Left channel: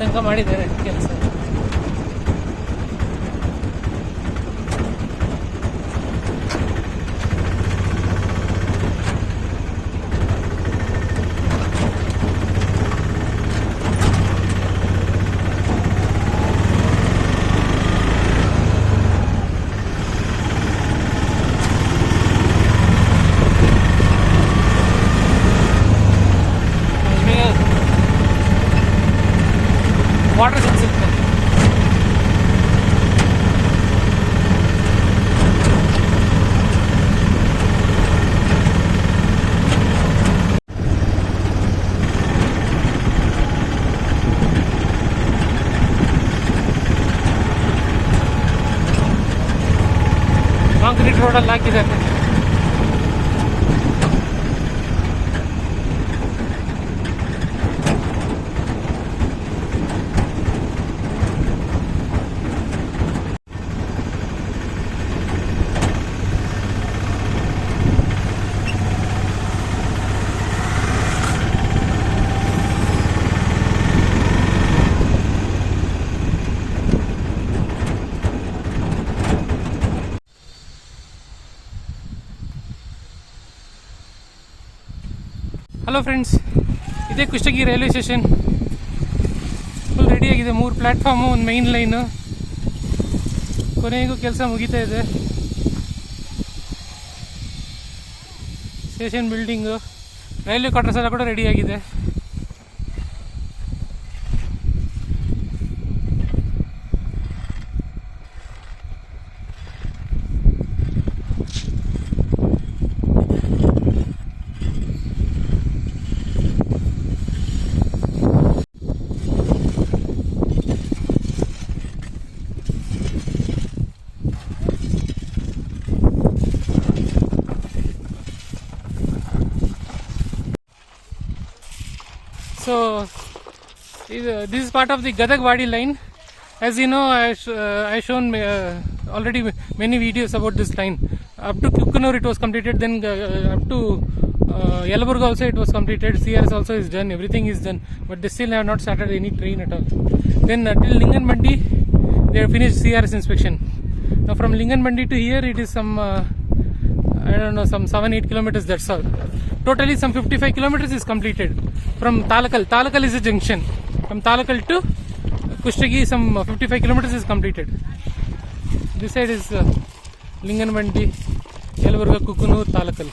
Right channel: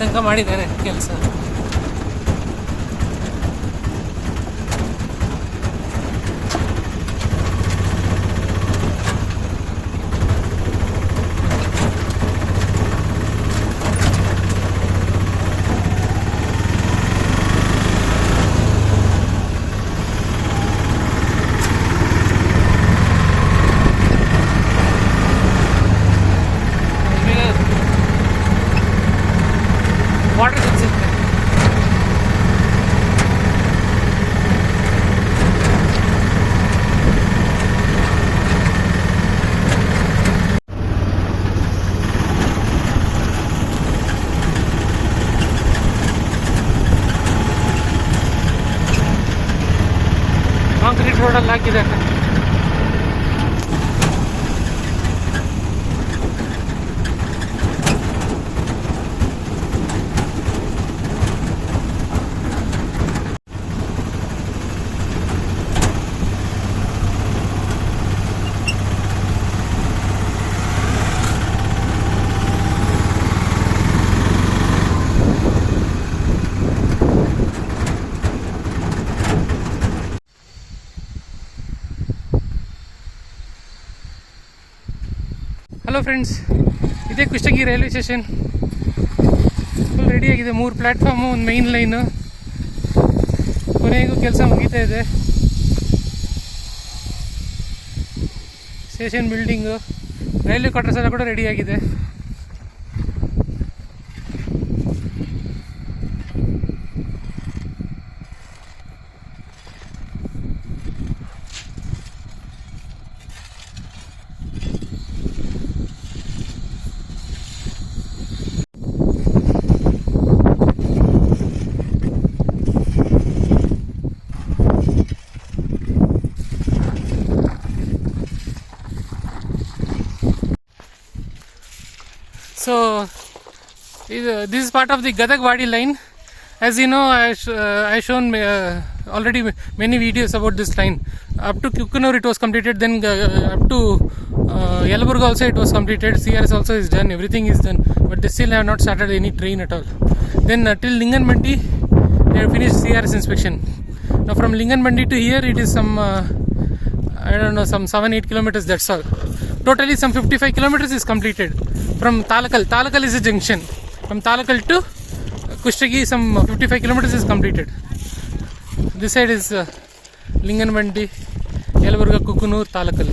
ತನಕ ಮಾಡಿದ್ದಾರೆ ಕೆಲಸ. ವಾಟರ್ ಸಿಗುತ್ತೆ. ಕಾಂಕ್ರೀಟ್ ರೋಡಲ್ಲಿ ಹಾಕಿದ್ದಾರೆ. ಹಲೋ ಫ್ರೆಂಡ್ಸ್, ಇದೇ ಕುಷ್ಟಗಿ ರೈಲ್ವೆ ಸ್ಟೇಷನ್. ಫುಲ್ ರೆಡಿಯಾಗಿದೆ. 3 ಪ್ಲ್ಯಾಟ್ಫಾರ್ಮು, ಒಂದು ಮೈನ್ ಲೈನು. ಕೊನೆಗೂ ಕೆಲಸ ಮುಗೀತಾ ಇದೆ. ಸ್ಟೇಷನ್ ಬಿಲ್ಡಿಂಗು, ರೈಲ್ವೆ ಕ್ವಾರ್ಟರ್ಸ್ ಎಲ್ಲ ಕೂಡ ರೆಡಿಯಾಗಿದೆ. So this is part of the Gadag-Wadi line. As you know, I shown already many videos about this line. Up to Kukkanur it was completed, then up to Yelaburga also it was completed. CRS also is done, everything is done, but they still have not started any train at all. Then till Linganmandi they have finished CRS inspection. Now from Linganmandi to here it is some I don't know, some 7-8 kilometers, that's all. Totally some 55 kilometers is completed. From Talakal is a junction. From Talakal to Kushtagi some 55 kilometers is completed. This side is Linganmandi, Yelaburga, Kukkanur, Talakal.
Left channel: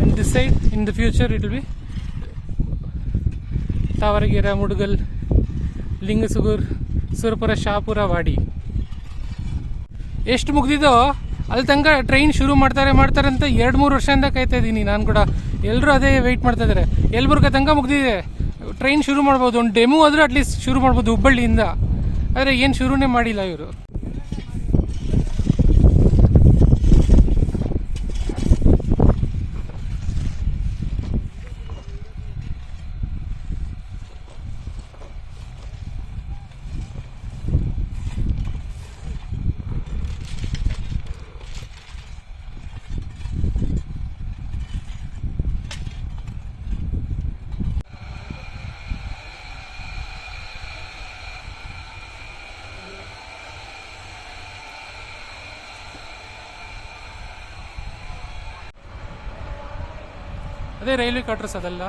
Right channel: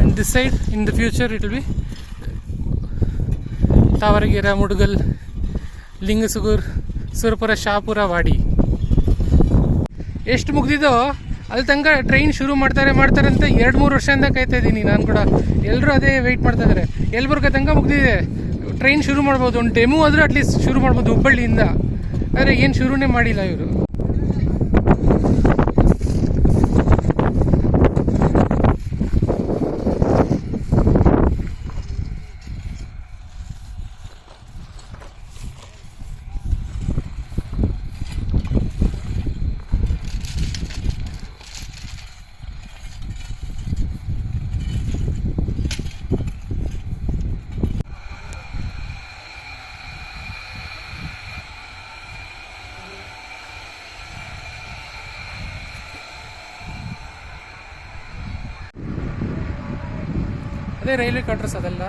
And this side in the future it will be Tavaragera, Mudugal, Lingasugur, Surapura, Shapura, Wadi. ಎಷ್ಟು ಮುಗಿದಿದೋ ಅಲ್ಲಿ ತನಕ train ಶುರು ಮಾಡ್ತಾರೆ ಅಂತ 2-3 ವರ್ಷದಿಂದ ಕಾಯ್ತಾ ಇದ್ದೀನಿ ನಾನು ಕೂಡ. ಎಲ್ಲರೂ ಅದೇ ವೆಯ್ಟ್ ಮಾಡ್ತಾ ಇದ್ದಾರೆ. ಯಲಬುರ್ಗ ತನಕ ಮುಗಿದಿದೆ, ಟ್ರೈನ್ ಶುರು ಮಾಡ್ಬೋದು, ಒಂದು ಡೆಮೋ ಆದರೂ ಅಟ್ಲೀಸ್ಟ್ ಶುರು ಮಾಡ್ಬೋದು ಹುಬ್ಬಳ್ಳಿಯಿಂದ. ಆದರೆ ಏನು ಶುರುನೇ ಮಾಡಿಲ್ಲ ಇವರು. ಅದೇ ರೈಲ್ವೆ ಕ್ವಾರ್ಟರ್ಸ್ ಅದೆಲ್ಲ.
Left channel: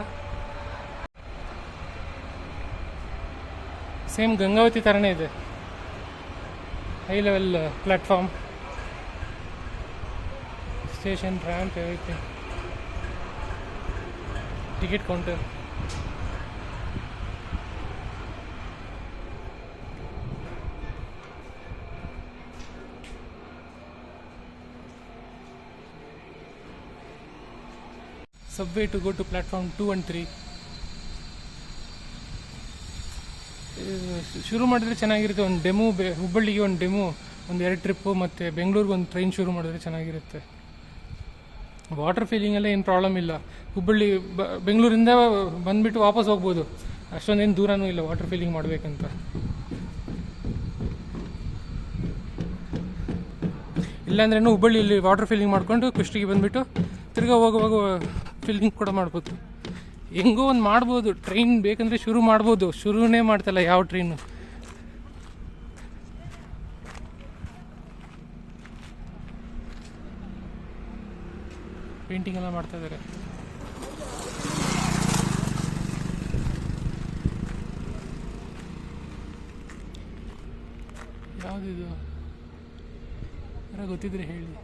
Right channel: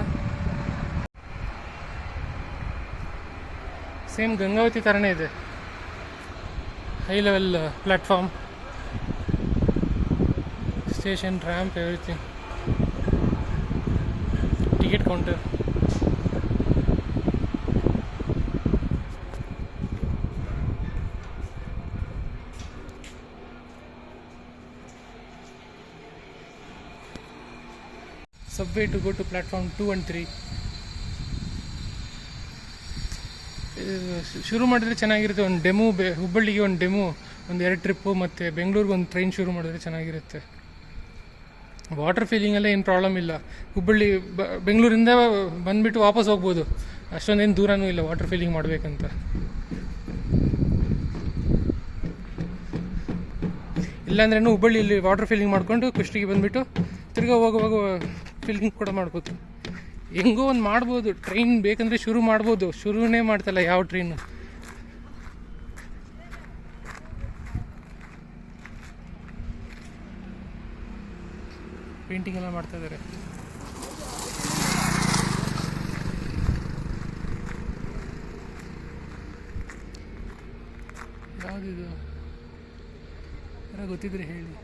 ಸೇಮ್ ಗಂಗಾವತಿ ಥರನೇ ಇದೆ. High level platform, station, ramp, everything. Ticket counter. Subway to go to platform 2 and 3. ಶುರು ಮಾಡಿದ್ರೆ ಚೆನ್ನಾಗಿರುತ್ತೆ. ಒಂದು ಡೆಮೋ, ಹುಬ್ಬಳ್ಳಿಗೆ ಒಂದು ಡೆಮೋ, ಒಂದು 2 ಟ್ರಿಪ್ಪು, ಮತ್ತು ಬೆಂಗಳೂರಿಗೆ ಒಂದು ಟ್ರೈನ್ ಶುರು ಮಾಡಿದ್ರೆ ಚೆನ್ನಾಗಿರುತ್ತೆ. ವಾಟರ್ ಫೀಲಿಂಗೆಲ್ಲ ಏನು ಪ್ರಾಬ್ಲಮ್ ಇಲ್ಲ. ಹುಬ್ಬಳ್ಳಿ ಬೆಂಗಳೂರಿಂದ ಬಂದುಬಿಟ್ಟು ವಾಪಸ್ ಹೋಗ್ಬೋದು, ಅಷ್ಟೊಂದೇನು ದೂರನೂ ಇಲ್ಲ ವಾಟರ್ ಫೀಲಿಂಗ್ ಮಾಡಬೇಕಂತ. ಇಲ್ಲಾಂದ್ರೂ ಹುಬ್ಬಳ್ಳಿಯಲ್ಲಿ ವಾಟರ್ ಫೀಲಿಂಗ್ ಮಾಡಿಕೊಂಡು ಕುಷ್ಟಗಿಗೆ ಬಂದುಬಿಟ್ಟು ತಿರ್ಗಾ ಹೋಗುವಾಗ ಫೀಲಿಂಗ್ ಕೂಡ ಮಾಡ್ಬೋದು. ಹೆಂಗೋ ಒಂದು ಮಾಡ್ಬೋದು, ಟ್ರೈನ್ ಬೇಕಂದರೆ ಶುರು ಮಾಡ್ಬೋದು, ಶುರುನೇ ಮಾಡ್ತಲ್ಲ ಯಾವ ಟ್ರೈನು. ಪೇಂಟಿಂಗ್ ಎಲ್ಲ ಮಾಡ್ತಾ ಇದ್ದಾರೆ. ಯಾವುದಿದು ಯಾರೋ ಗೊತ್ತಿದ್ರೆ ಹೇಳಿ.